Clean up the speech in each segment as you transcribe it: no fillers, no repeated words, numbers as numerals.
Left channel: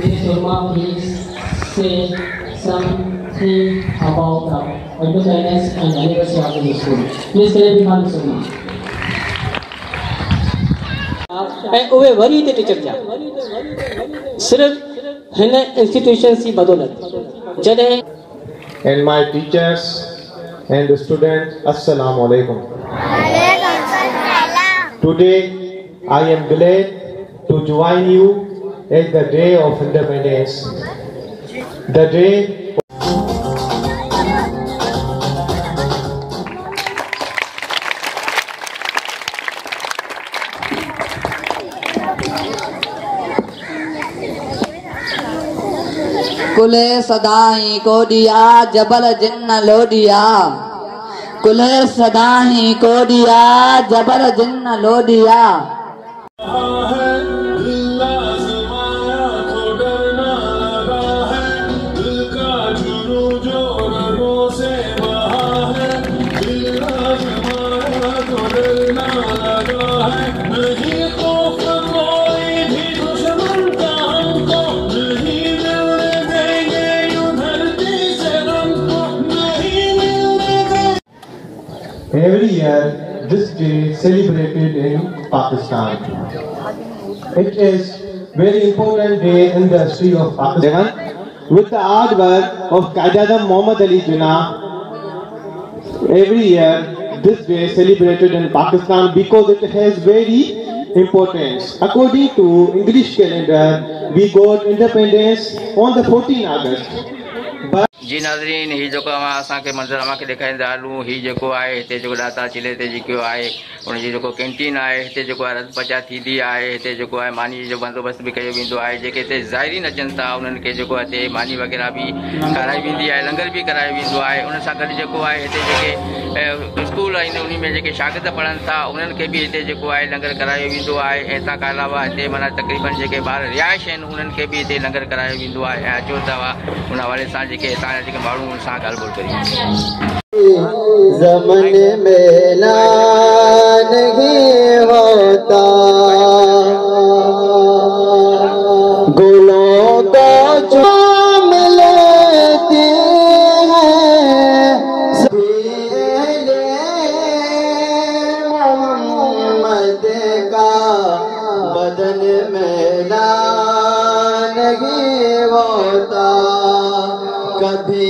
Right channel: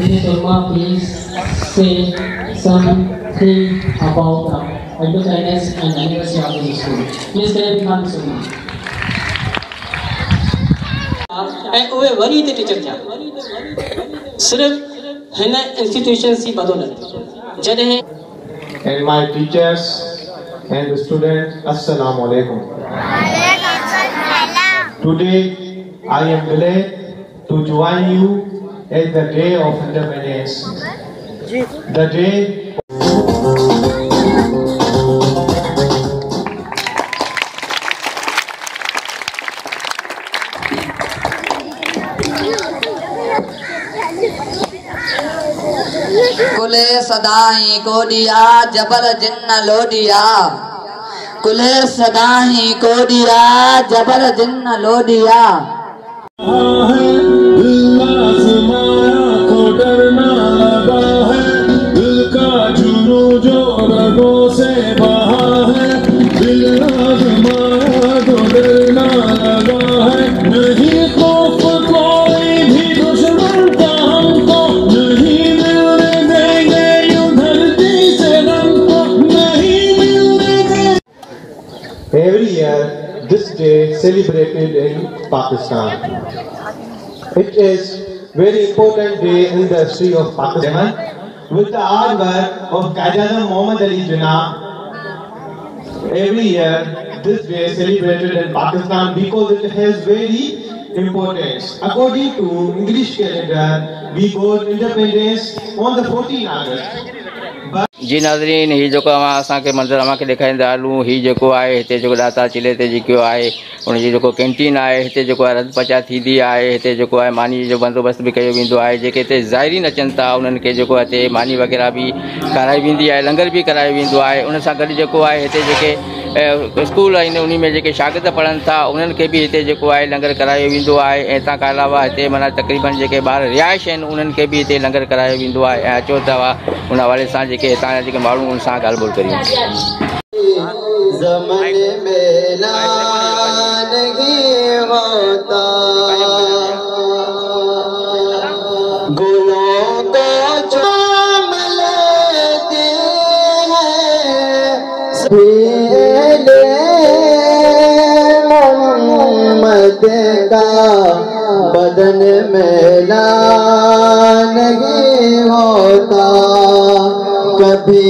Mr. Sharma, please say something about the advertisement and anniversary of the school. Please say Mr. Sharma. उवे वरी ते टीचर जा सिर्फ हिन इंस्टीट्यूशन की बदौलत जॾहिं and my teachers and the students, Assalamu alaikum. Today I am glad to join you at the day of independence. The day कुले सदाही को दिया जबल जिन्न लो दिया कुले सदाही को दिया जबल जिन्न लो दिया Every year, this day celebrated in Pakistan. It is very important day in the history of Pakistan. With the hard work of Qaeda Muhammad Ali Jinnah, every year this day celebrated in Pakistan because it has very importance. According to English calendar, we got independence on the 14th August. जी नाज़रीन ही जो असांखे मंज़र अमांखे ॾेखारींदा हलूं ही जेको आहे हिते जेको दाता चिले ते जेको आहे उनजी जेको कैंटीन आहे हिते जेको आहे रंध पचा थींदी आहे हिते जेको आहे मानी जो बंदोबस्तु बि कयो वेंदो आहे जेके हिते ज़ाइरीन अचनि था उन्हनि खे जेको आहे हिते मानी वग़ैरह बि कराई वेंदी आहे लंगर बि करायो वेंदो आहे उन सां गॾु जेको आहे हिते जेके स्कूल आहिनि उन में जेके शागिर्द पढ़नि था उन्हनि खे बि हिते जेको आहे लंगर करायो वेंदो आहे ऐं तंहिं खां अलावा हिते माना तक़रीबन जेके ॿार रिहाइश आहिनि उन्हनि खे बि हिते लंगर करायो वेंदो आहे ऐं अचो तव्हां उन हवाले सां जेके हितां जा जेके माण्हू उन सां ॻाल्हि ॿोल करियूं ज़माने में नहीं होता गुलों को चूम लेती है मोहम्मद का बदन मेला नहीं होता कभी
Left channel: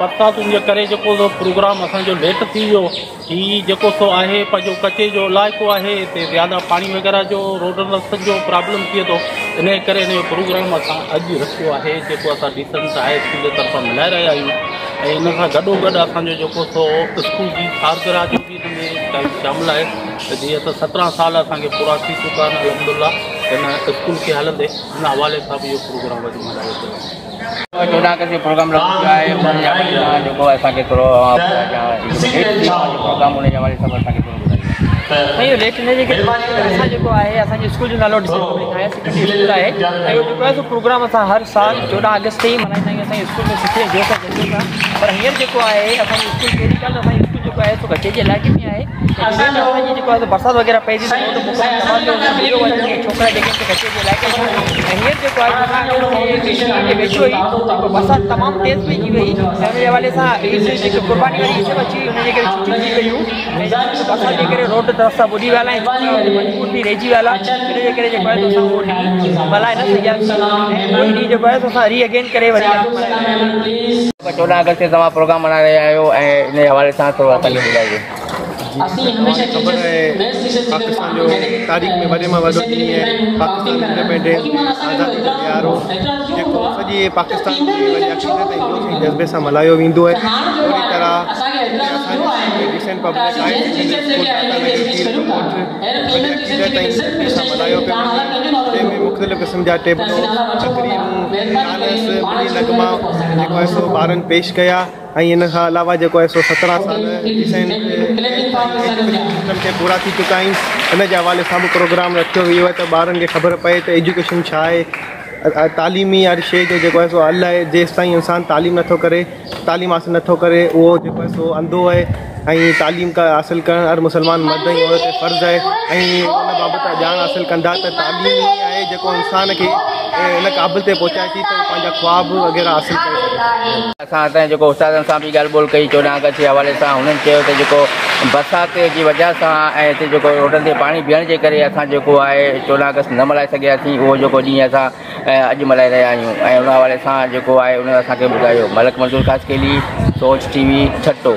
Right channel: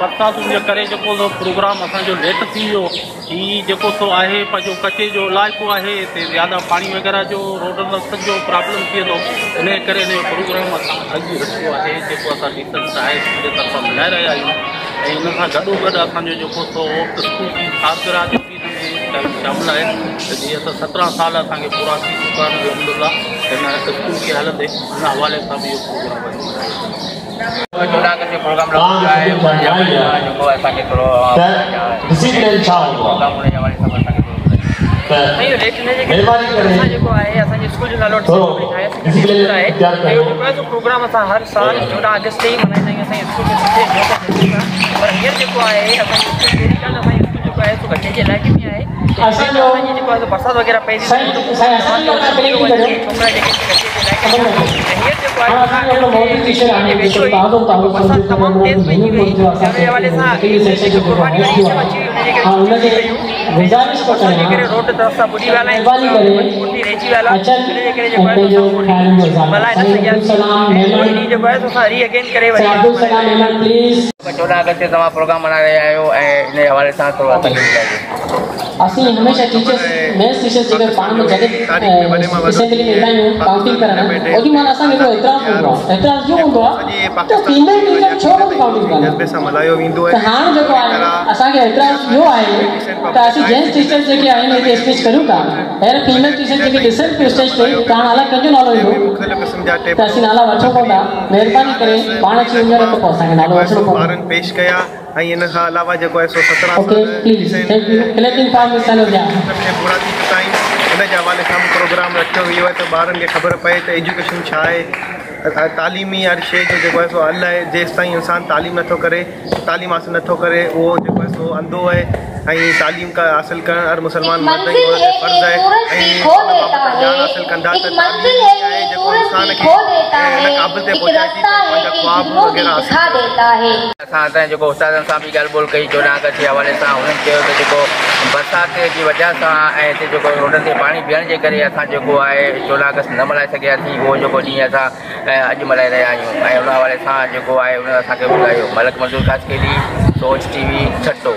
बरसातुनि जे करे जेको प्रोग्राम असांजो लेट थी वियो ही जेको सो आहे पंहिंजो कचे जो इलाइक़ो आहे हिते ज़्यादा पाणी वग़ैरह जो रोडनि रस्तनि जो प्रॉब्लम थिए थो इन करे हिन जो प्रोग्राम असां अॼु रखियो आहे जेको असां डिसेंट आहे स्कूल जे तरफ़ां मिलाए रहिया आहियूं ऐं इन सां गॾोगॾु असांजो जेको सो स्कूल जी सालगिरह जो बि हिन में शामिल आहे त जीअं त 17 साल असांखे पूरा थी चुका आहिनि अलहमदुलिल्लाह हिन स्कूल खे हलंदे हिन हवाले सां बि इहो प्रोग्राम वरी मल्हायो 14 अगस्त जो प्रोग्राम रखियो आहे जेको असांखे थोरो प्रोग्राम हुन जे हवाले सां असांखे स्कूल जो नालो प्रोग्राम असां हर साल 14 अगस्त ही मल्हाईंदा आहियूं असांजे स्कूल में सुठे जोश सां पर हींअर जेको आहे असांजी स्कूल पहिरीं ॻाल्हि असांजी स्कूल जेको आहे सो घटे जे इलाइक़े में आहे असांजी जेको आहे बरसाति वग़ैरह पइजी छोकिरा जेके घटे जे इलाइक़े में ऐं हींअर जेको आहे बरसाति तमामु तेज़ पइजी वई हुनजे हवाले सां कुर्बानी अची हुनजे करे रोड रस्ता ॿुॾी विया आहिनि ॿुॾी रहिजी विया हिनजे करे जेको आहे मल्हाए न सघिया जेको आहे असां री अगेन करे वरी 14 अगस्त ते तव्हां प्रोग्राम मल्हाए रहिया आहियो ऐं इन हवाले सां थोरो असांखे ॿुधाइजो असली हमेशा टीचर्स मेंस टीचर्स के पाण में जगह तारीख में वडे में वडो काउंटिंग करना ओदी मां असां जो एतराज जो हूंदो आहे पाकिस्तान जज्बे सां मल्हायो वेंदो आहे हां जेको आहे असां के एतराज जो आहे त असीं जेंट्स टीचर्स जेके आहिनि हिते स्पीच करूं था ऐं फीमेल टीचर्स जेके डिसेंट पे स्टेज ते पाण अलॻि कंजो नालो ईंदो मुख़्तलिफ़ क़िस्म जा टेबल असीं नाला वठो कोन्हा महिरबानी करे पाण अची वञो त असांखे नालो वठो ॿारनि पेश कया ऐं इन खां अलावा जेको आहे सो 17 साल पूरा थी चुका आहिनि इन जे हवाले सां बि प्रोग्राम रखियो वियो आहे त ॿारनि खे ख़बर पए त एजुकेशन छा आहे तालीमी हर शइ जो जेको आहे सो अलाए जेसि ताईं इंसानु तालीम नथो करे, तालीम हासिलु नथो करे, उहो जेको आहे सो अंधो आहे। ऐं तालीम हासिलु करणु हर मुस्लमान मर्द ऐं औरत ते फ़र्ज़ु आहे। ऐं हुन बाबति ॼाण हासिलु कंदा त तालीम ई आहे जेको इंसान खे हिन क़ाबिल ते पहुचाए थी त पंहिंजा ख्वाब वग़ैरह हासिलु करे। असां असांजे जेको उस्तादनि सां बि ॻाल्हि ॿोल कई 14 अगस्त जे हवाले सां। हुननि चयो त जेको बरसाति जी वजह सां ऐं हिते जेको रोडनि ते पाणी बीहण जे करे असां जेको आहे 14 अगस्त न मल्हाए सघियासीं। उहो जेको ॾींहुं असां अॼु मल्हाए रहिया आहियूं। ऐं हुन हवाले सां जेको आहे हुन असांखे ॿुधायो। मलक मंज़ूर ख़ासकेली, सोच TV, छटो।